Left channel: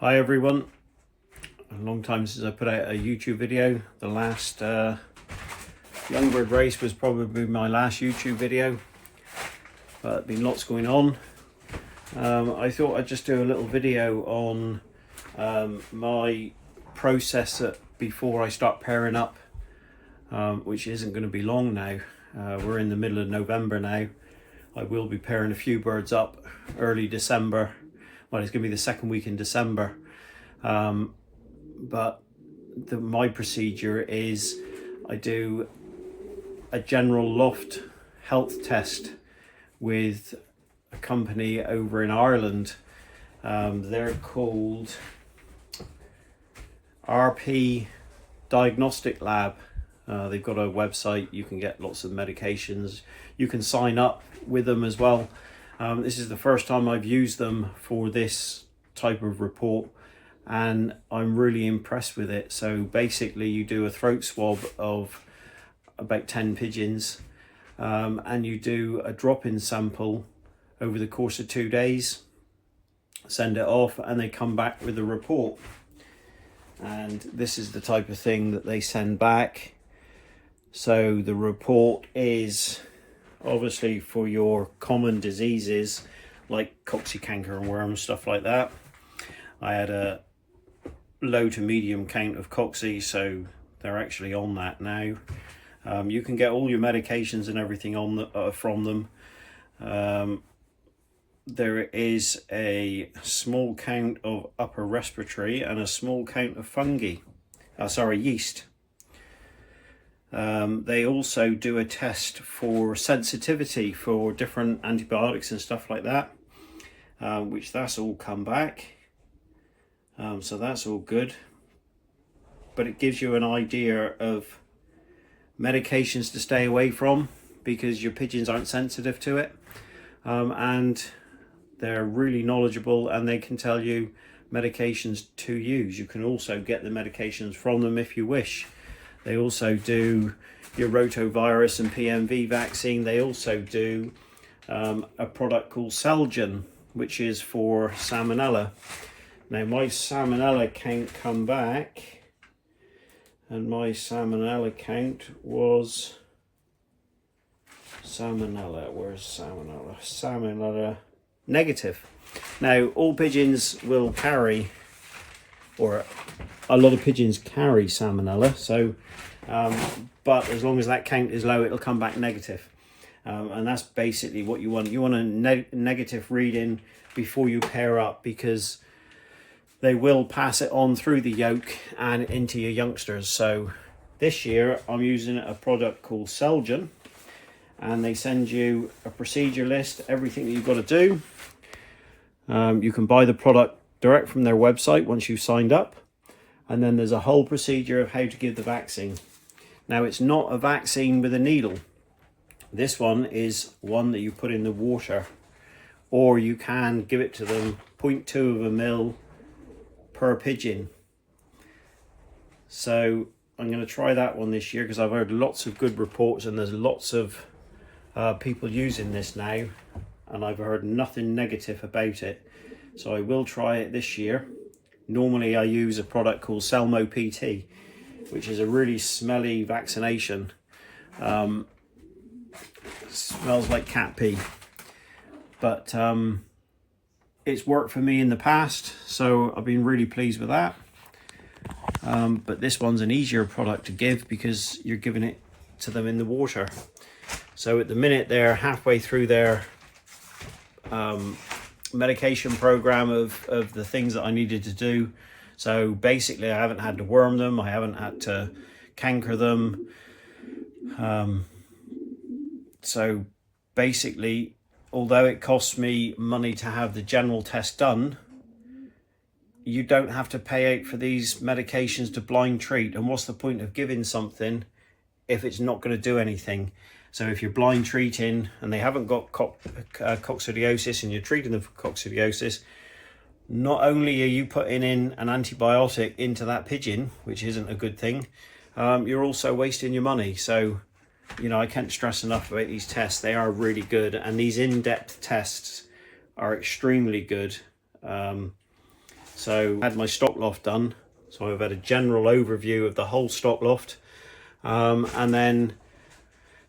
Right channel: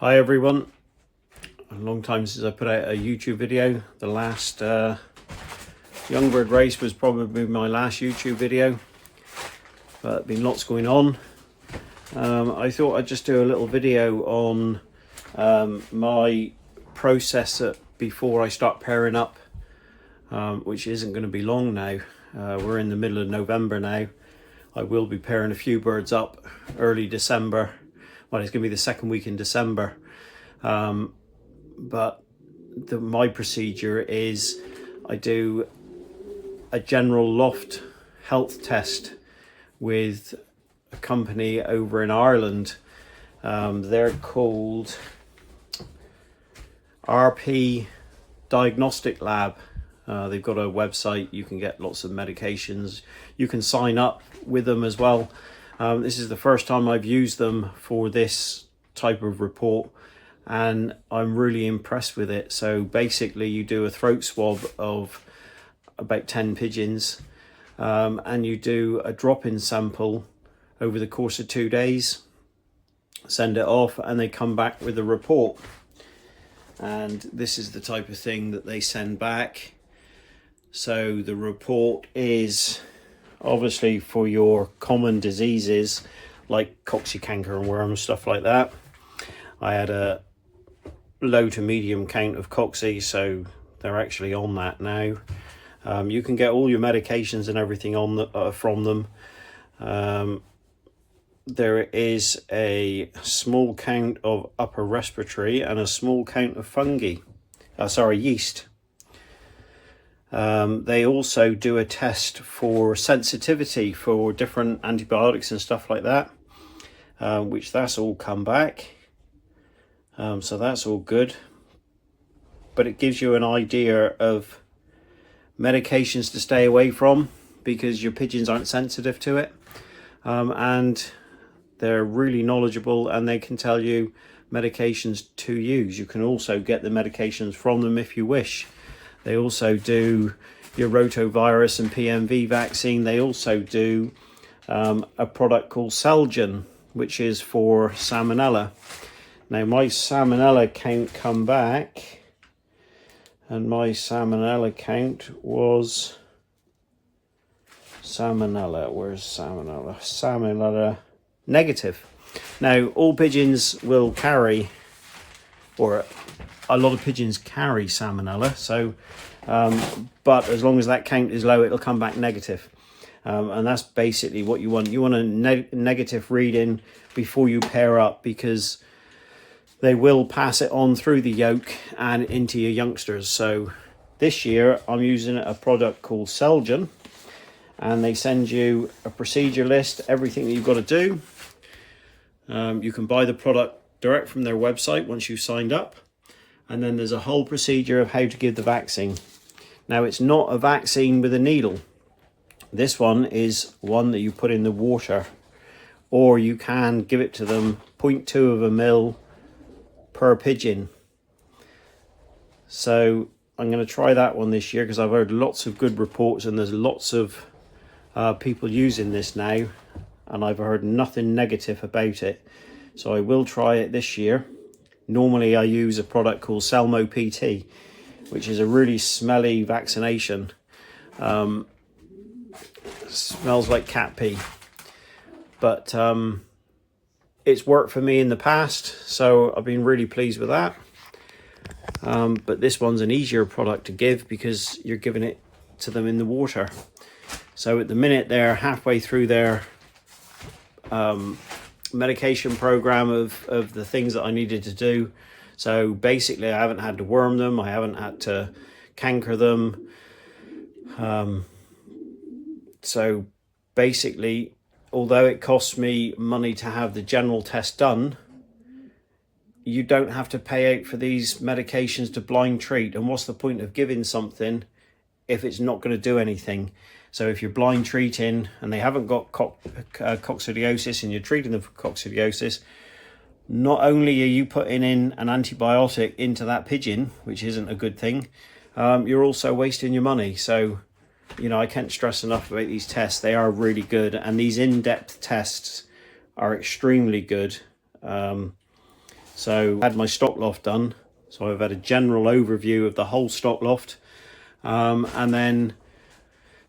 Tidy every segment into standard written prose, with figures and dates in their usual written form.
Hi everyone, a long time since I put out a YouTube video. The last young bird race was probably my last YouTube video, but been lots going on. I thought I'd just do a little video on my process before I start pairing up, which isn't going to be long now. We're in the middle of November now. I will be pairing a few birds up early December. Well, it's going to be the second week in December. But my procedure is I do a general loft health test with a company over in Ireland. They're called RP Diagnostic Lab. They've got a website. You can get lots of medications. You can sign up with them as well. This is the first time I've used them for this type of report, and I'm really impressed with it. So basically you do a throat swab of about 10 pigeons, and you do a drop-in sample over the course of 2 days, send it off, and they come back with a report. And this is the type of thing that they send back. So the report is obviously for your common diseases like coccycanker and worm, stuff like that. I had a low to medium count of coxy, so they're actually on that now. You can get all your medications and everything on from them. There is a small count of upper respiratory and a small count of yeast. They also do a test for sensitivity for different antibiotics and stuff like that, which that's all come back. So that's all good. But it gives you an idea of medications to stay away from because your pigeons aren't sensitive to it. And they're really knowledgeable, and they can tell you medications to use. You can also get the medications from them if you wish. They also do your rotavirus and PMV vaccine. They also do a product called Selgen, which is for salmonella. Now my salmonella count come back, and my salmonella count was where's salmonella? Salmonella negative. Now all pigeons will carry, or a lot of pigeons carry salmonella, so but as long as that count is low, it'll come back negative, and that's basically what you want. You want a negative reading before you pair up, because they will pass it on through the yolk and into your youngsters. So this year I'm using a product called Selgen, and they send you a procedure list, everything you've got to do. You can buy the product direct from their website once you've signed up. And then there's a whole procedure of how to give the vaccine. Now, it's not a vaccine with a needle. This one is one that you put in the water, or you can give it to them 0.2 of a mil per pigeon. So I'm going to try that one this year because I've heard lots of good reports, and there's lots of people using this now, and I've heard nothing negative about it. So I will try it this year. Normally I use a product called Selmo PT, which is a really smelly vaccination. Smells like cat pee, but it's worked for me in the past, so I've been really pleased with that. But this one's an easier product to give because you're giving it to them in the water. So at the minute they're halfway through their medication program of the things that I needed to do. So basically I haven't had to worm them, I haven't had to canker them. So basically, although it costs me money to have the general test done, you don't have to pay out for these medications to blind treat. And what's the point of giving something if it's not going to do anything? So if you're blind treating and they haven't got coccidiosis and you're treating them for coccidiosis, not only are you putting in an antibiotic into that pigeon, which isn't a good thing, you're also wasting your money. So, you know, I can't stress enough about these tests. They are really good, and these in-depth tests are extremely good. So I had my stock loft done. So I've had a general overview of the whole stock loft. And then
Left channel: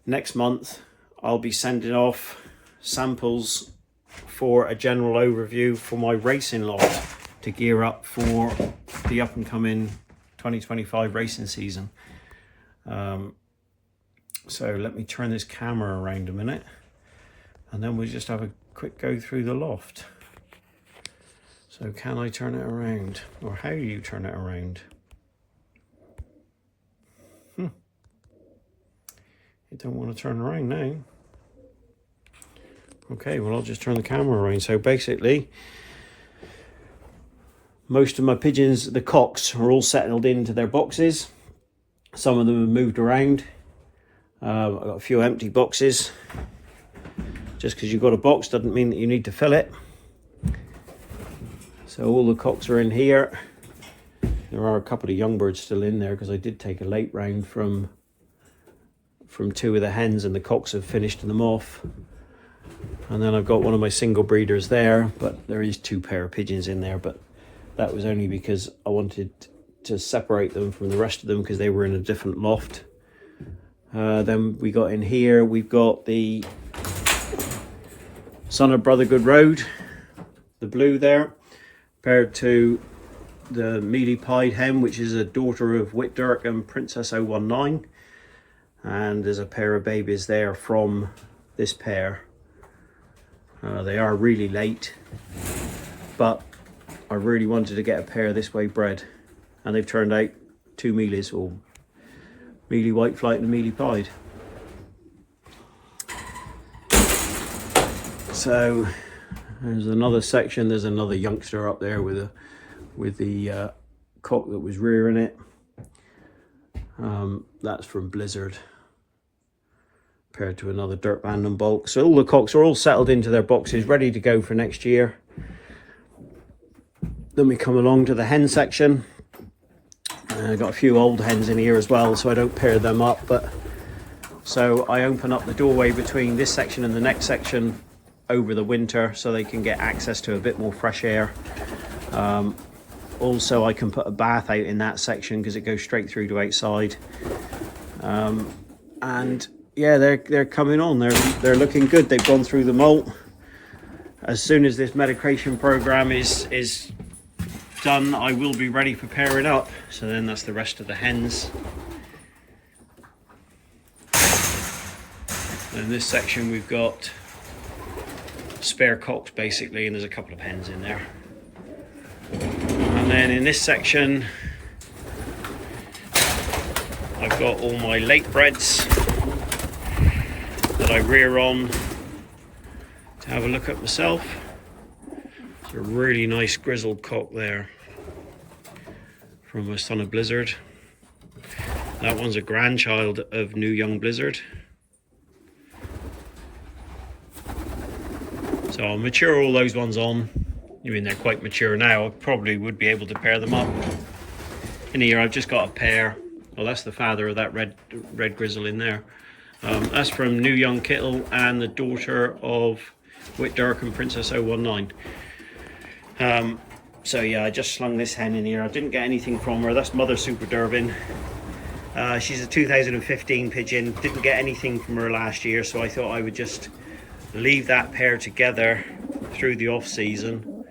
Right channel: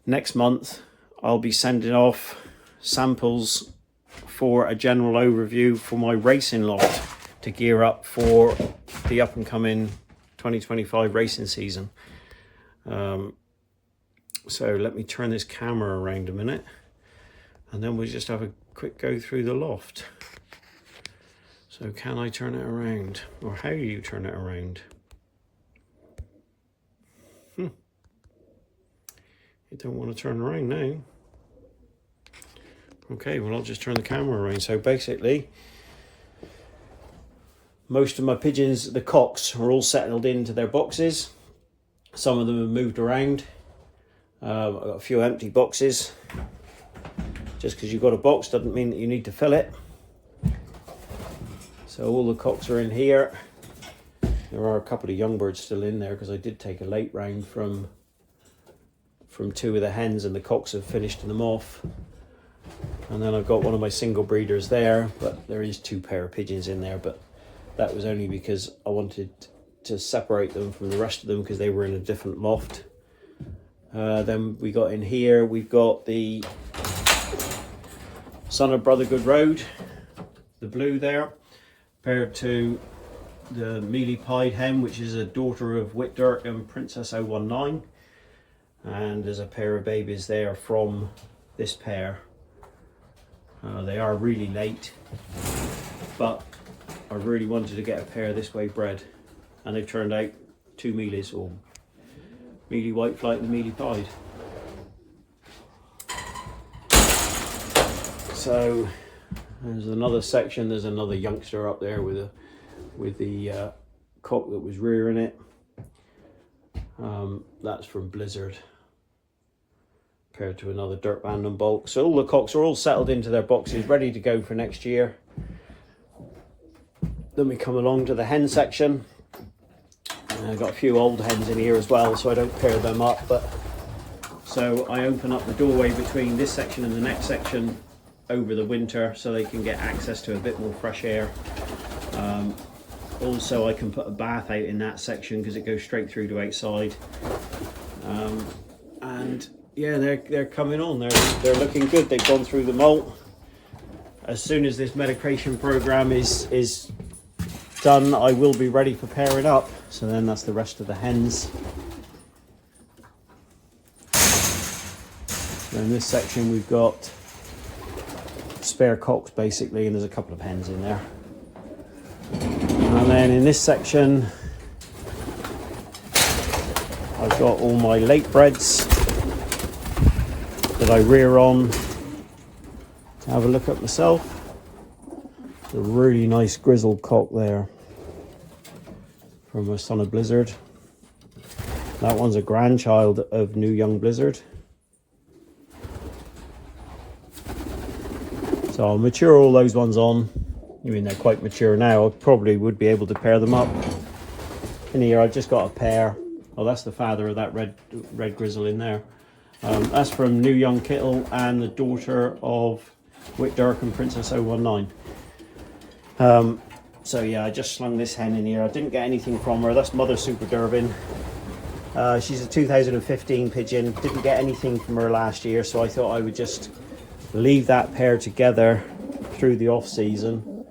next month, I'll be sending off samples for a general overview for my racing loft to gear up for the up and coming 2025 racing season. So let me turn this camera around a minute, and then we'll just have a quick go through the loft. So can I turn it around, or how do you turn it around? You don't want to turn around now. Okay, well, I'll just turn the camera around. So basically, most of my pigeons, the cocks, are all settled into their boxes. Some of them have moved around. I've got a few empty boxes. Just because you've got a box doesn't mean that you need to fill it. So all the cocks are in here. There are a couple of young birds still in there because I did take a late round from 2 of the hens, and the cocks have finished them off. And then I've got one of my single breeders there, but there is 2 pair of pigeons in there, but that was only because I wanted to separate them from the rest of them because they were in a different loft. Then we got in here, we've got the Son of Brother Good Road, the blue there, paired to the mealy pied hen, which is a daughter of Whitdirk and Princess 019. And there's a pair of babies there from this pair. They are really late, but I really wanted to get a pair this way bred, and they've turned out 2 mealies, or mealy white flight and mealy pied. So there's another section. There's another youngster up there with the cock that was rearing it. That's from Blizzard, paired to another dirt band and bulk. So all the cocks are all settled into their boxes, ready to go for next year. Then we come along to the hen section. I've got a few old hens in here as well, so I don't pair them up. But so I open up the doorway between this section and the next section over the winter, so they can get access to a bit more fresh air. Also, I can put a bath out in that section because it goes straight through to outside. And yeah, they're coming on. They're looking good. They've gone through the molt. As soon as this medication program is done, I will be ready for pairing up. So then that's the rest of the hens. In this section we've got spare cocks basically, and there's a couple of hens in there. And then in this section I've got all my late breds that I rear on to have a look at myself. A really nice grizzled cock there from a Son of Blizzard. That one's a grandchild of New Young Blizzard. So I'll mature all those ones on. I mean, they're quite mature now. I probably would be able to pair them up. In here I've just got a pair. Oh, that's the father of that red grizzle in there. That's from New Young Kittle and the daughter of Whitdirk and Princess 019. So yeah, I just slung this hen in here. I didn't get anything from her. That's Mother Super Durbin. She's a 2015 pigeon. Didn't get anything from her last year, so I thought I would just leave that pair together through the off season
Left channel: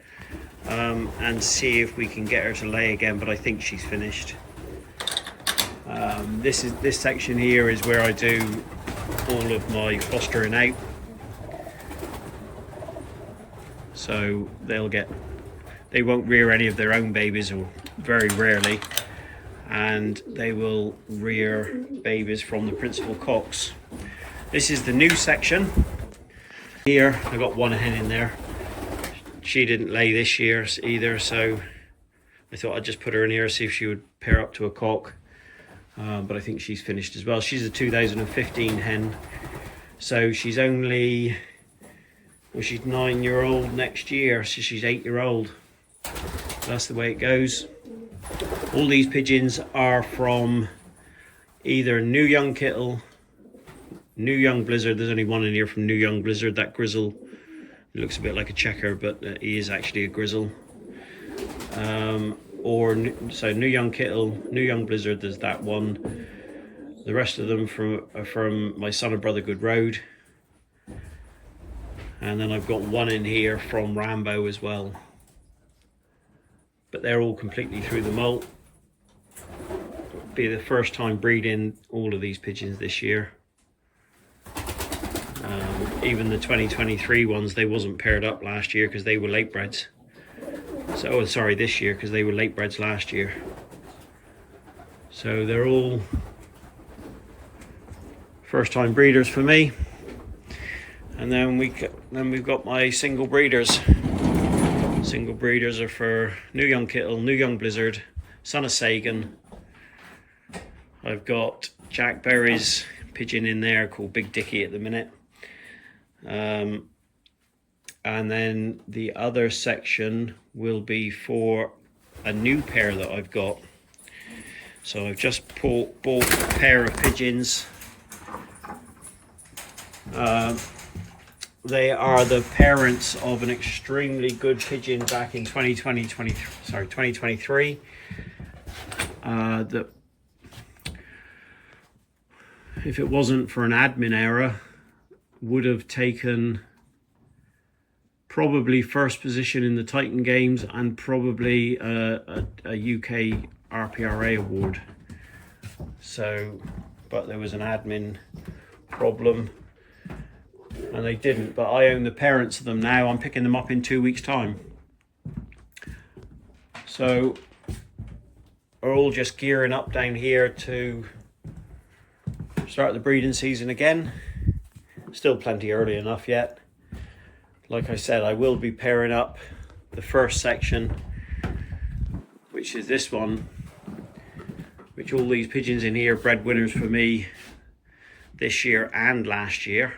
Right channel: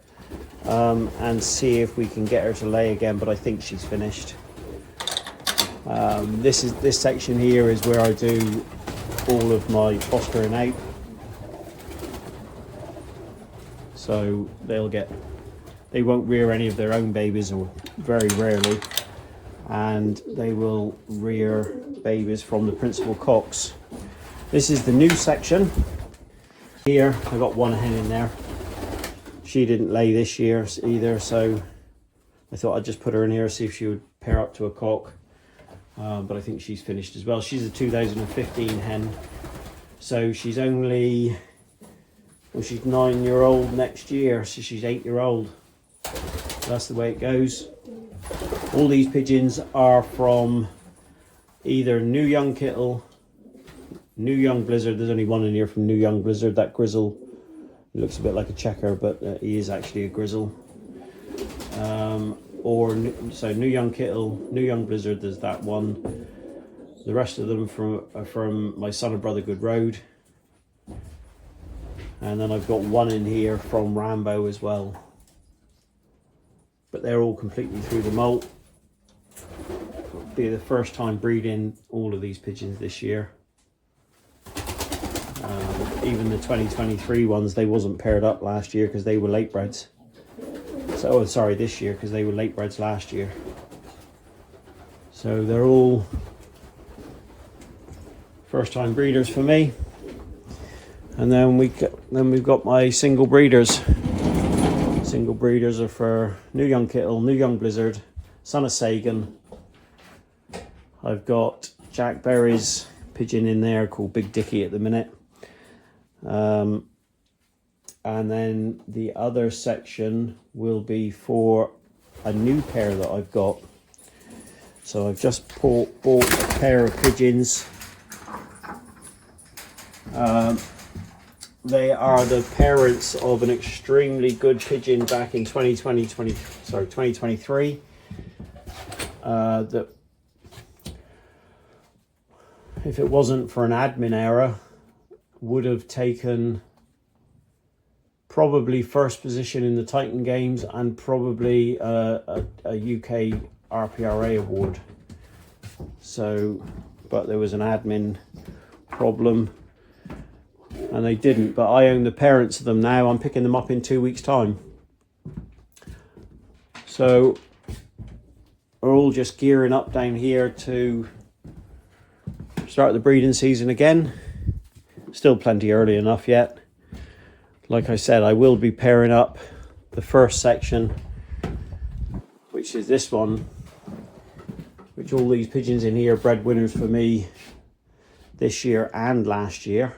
and see if we can get her to lay again, but I think she's finished. This section here is where I do all of my fostering out. So they won't rear any of their own babies, or very rarely, and they will rear babies from the principal cocks. This is the new section. Here I got one hen in there. She didn't lay this year either, so I thought I'd just put her in here, see if she would pair up to a cock. But I think she's finished as well. She's a 2015 hen, so she's only, well, she's 9-year-old next year, so she's 8-year-old. That's the way it goes. All these pigeons are from either New Young Kittle, New Young Blizzard. There's only one in here from New Young Blizzard. That grizzle, it looks a bit like a checker, but he is actually a grizzle. So New Young Kittle, New Young Blizzard, there's that one. The rest of them are from my Son and Brother Good Road. And then I've got one in here from Rambo as well. But they're all completely through the molt. It'll be the first time breeding all of these pigeons this year. Even the 2023 ones, they wasn't paired up last year because they were late breds. So, oh, sorry, this year because they were late breds last year. So they're all first time breeders for me. And then we've got my single breeders. Single breeders are for New Young Kittle, New Young Blizzard, Son of Sagan. I've got Jack Berry's pigeon in there called Big Dicky at the minute. And then the other section will be for a new pair that I've got. So I've just bought a pair of pigeons. They are the parents of an extremely good pigeon back in 2023. That if it wasn't for an admin error, would have taken probably first position in the Titan Games and probably a UK RPRA award. So, but there was an admin problem and they didn't, but I own the parents of them now. I'm picking them up in 2 weeks' time. So we're all just gearing up down here to start the breeding season again. Still plenty early enough yet. Like I said, I will be pairing up the first section, which is this one, which all these pigeons in here bred winners for me this year and last year.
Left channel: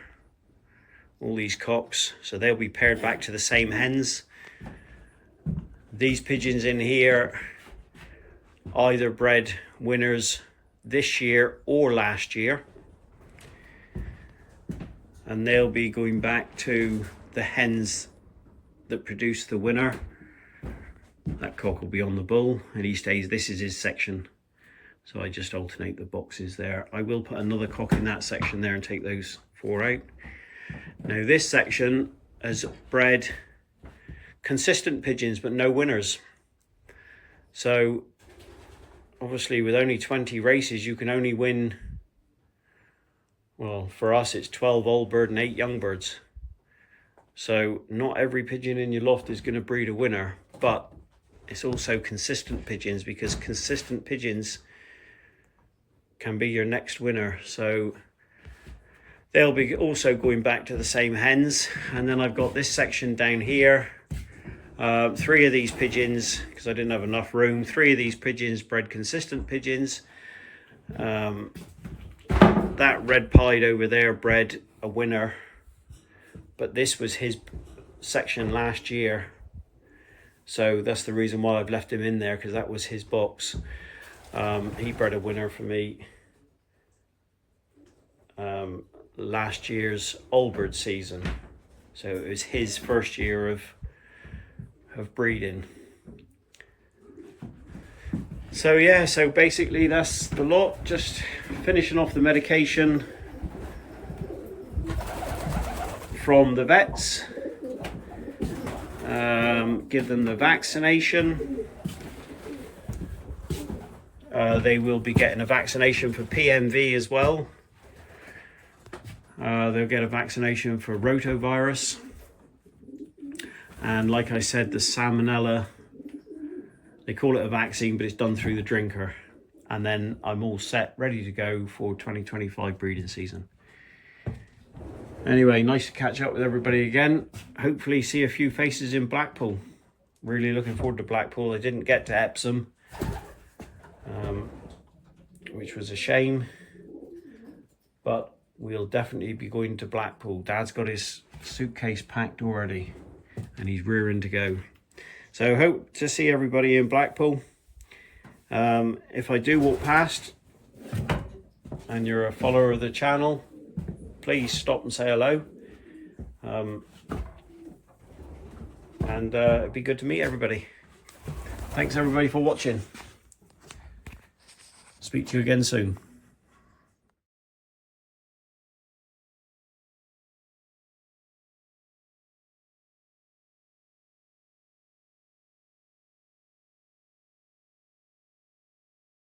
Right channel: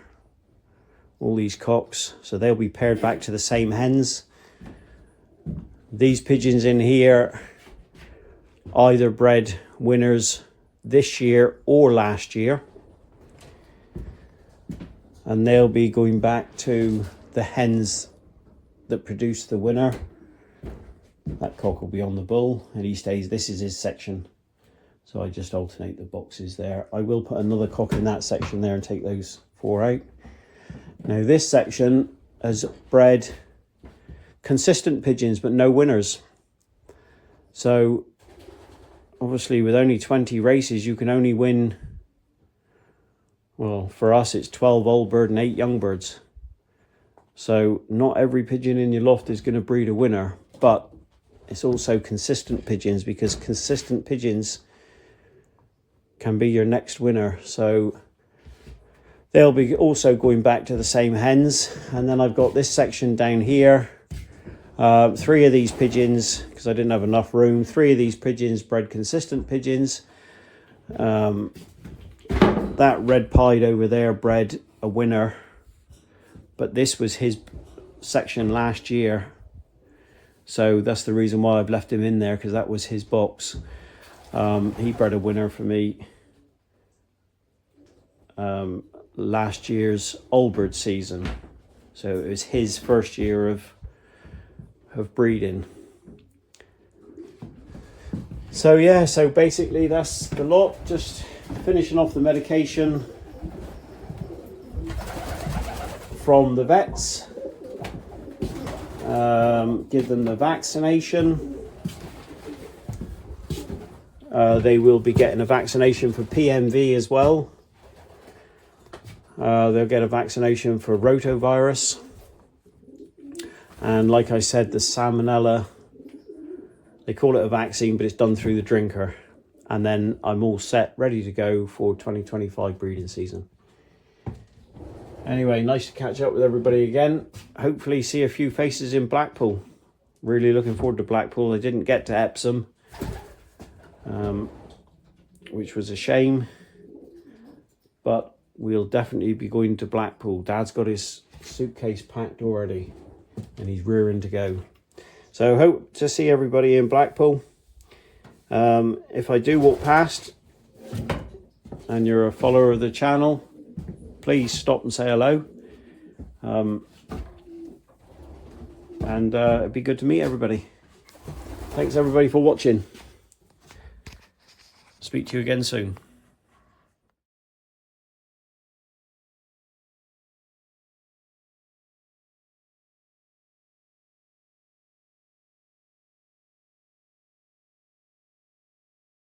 All these cocks, so they'll be paired back to the same hens. These pigeons in here either bred winners this year or last year, and they'll be going back to the hens that produced the winner. That cock will be on the bull and he stays, this is his section, so I just alternate the boxes there. I will put another cock in that section there and take those 4 out. Now this section has bred consistent pigeons but no winners. So obviously with only 20 races you can only win, well for us it's 12 old bird and 8 young birds. So not every pigeon in your loft is going to breed a winner, but it's also consistent pigeons, because consistent pigeons can be your next winner. So they'll be also going back to the same hens. And then I've got this section down here. 3 of these pigeons, because I didn't have enough room, 3 of these pigeons bred consistent pigeons. That red pied over there bred a winner, but this was his section last year. So that's the reason why I've left him in there, because that was his box. He bred a winner for me last year's old bird season, so it was his first year of breeding. So yeah, so basically that's the lot. Just finishing off the medication from the vets. Give them the vaccination. They will be getting a vaccination for PMV as well. They'll get a vaccination for rotavirus. And like I said, the salmonella, they call it a vaccine, but it's done through the drinker. And then I'm all set, ready to go for 2025 breeding season. Anyway, nice to catch up with everybody again. Hopefully see a few faces in Blackpool. Really looking forward to Blackpool. I didn't get to Epsom, which was a shame, but we'll definitely be going to Blackpool. Dad's got his suitcase packed already and he's rearing to go. So hope to see everybody in Blackpool. If I do walk past and you're a follower of the channel, please stop and say hello. And it'd be good to meet everybody. Thanks everybody for watching. Speak to you again soon.